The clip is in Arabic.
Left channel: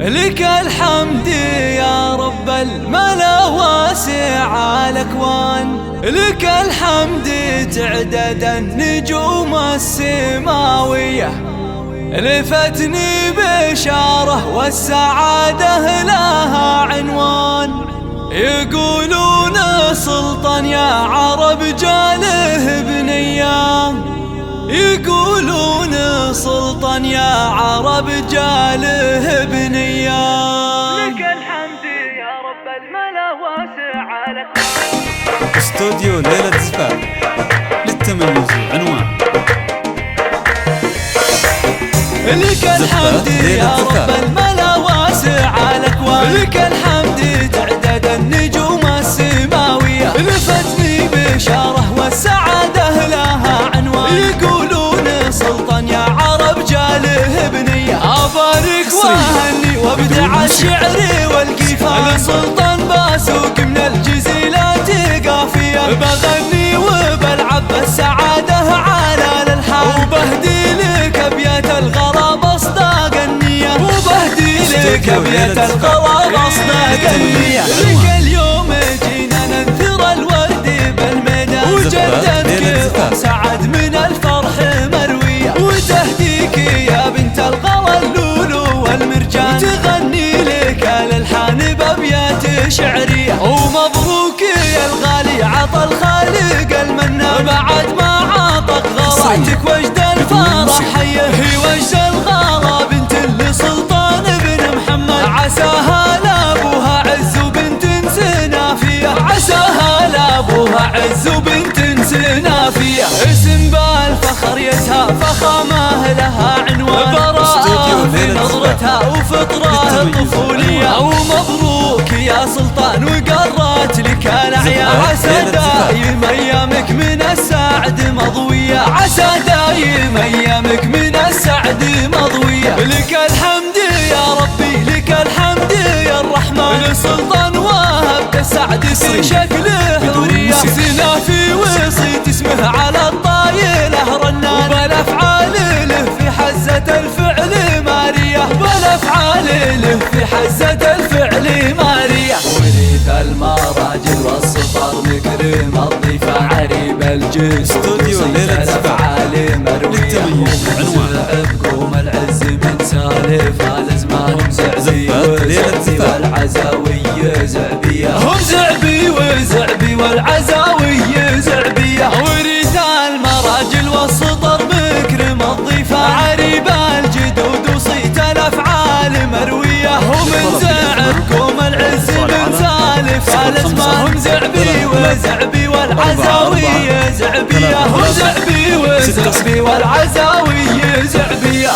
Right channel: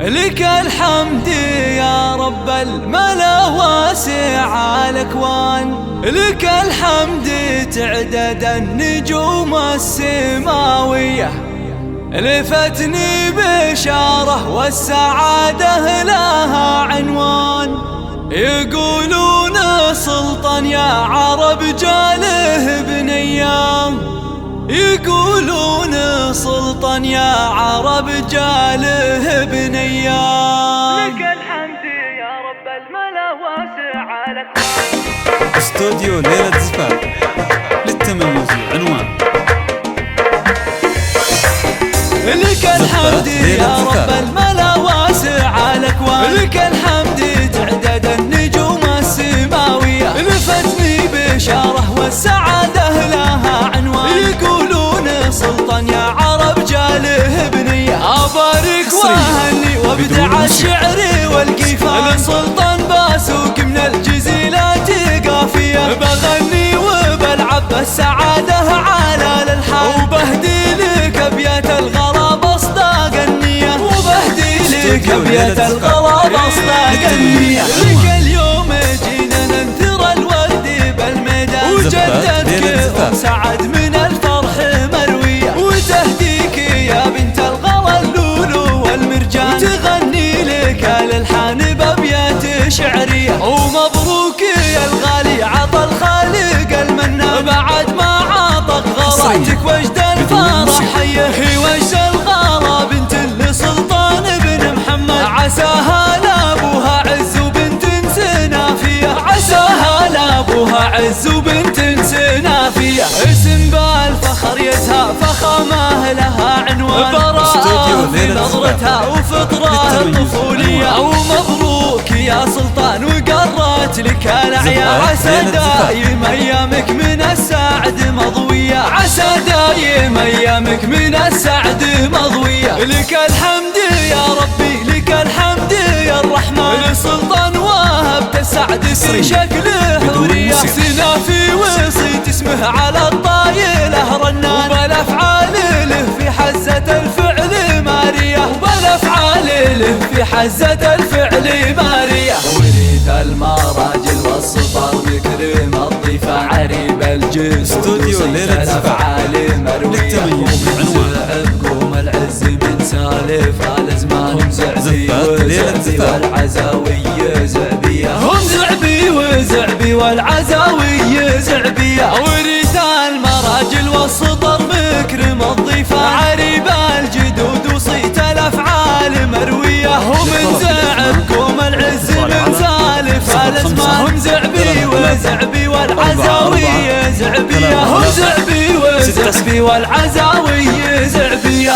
لك الحمد يا رب الملا واسع الأكوان، لك الحمد تعدد النجوم السماوية، لفتني بشارة والسعادة لها عنوان. يقولون سلطان يا عرب جاله بنية، يقولون سلطان يا عرب جاله بنية. لك الحمد يا رب الملا واسع الأكوان. استوديو ليلة زفاف للتميز عنوان. لك الحمد يا رب الملا واسع الأكوان، لك الحمد تعدد النجوم السماوية، لفتني بشارة والسعادة لها عنوان. يقولون سلطان يا عرب جاله بنية، أبارك وأهني وابدع الشعر والقيفان. سلطان باسوق من الجزيلات قافية، بغني وبلعب السعادة على الألحان، وبهدي لك أبيات الغراب أصداق النية، وبهدي لك أبيات الغراب أصداق النية. لك اليوم جينا ننثر الورد بالميدان، وجدتك أم سعد من الفرح مروية، وتهديك يا بنت الغلا اللولو والمرجان، وتغني لك الألحان بأبيات شعرية. ومبروك يا الغالي عطى الخالق المنان، بعد ما عطق غلاتك وجد الفرح حيه، وجد الغلا بنت لسلطان بن محمد، عساها لابوها عز وبنت سنافية، عساها لابوها عز وبنت سنافية. اسم بالفخر يزهى فخامه لها عنوان، براءة في نظرتها وفطرة طفولية. ومبروك يا سلطان وقرت لك الأعياد، عسى دايم أيامك من السعد مضوية، عسى دايم أيامك من السعد مضوية. لك الحمد يا ربي لك الحمد يا الرحمن، لسلطان وهبت السعد في شكله حورية، سنافي وصيت اسمه على الطايلة رنان، وبالأفعال له في حزة الفعل مارية، وبالأفعال له في حزة الفعل مارية. وريث المراجل والسطر نكرم الضيفة عريب الجد، استوديو ليلة الأفعال مروية، ومن العز من سالف الأزمان، زعبي وزعبي والعزاوي زعبية، هم زعبي وزعبي والعزاوي زعبية. ورث المراجل والسطر مكرم الضيفة عريب الجدود، وصيت الأفعال مروية، ومن زعب قوم العز من سالف الأزمان، هم زعبي وزعبي والعزاوي زعبية، هم زعبي وزعبي والعزاوي زعبية.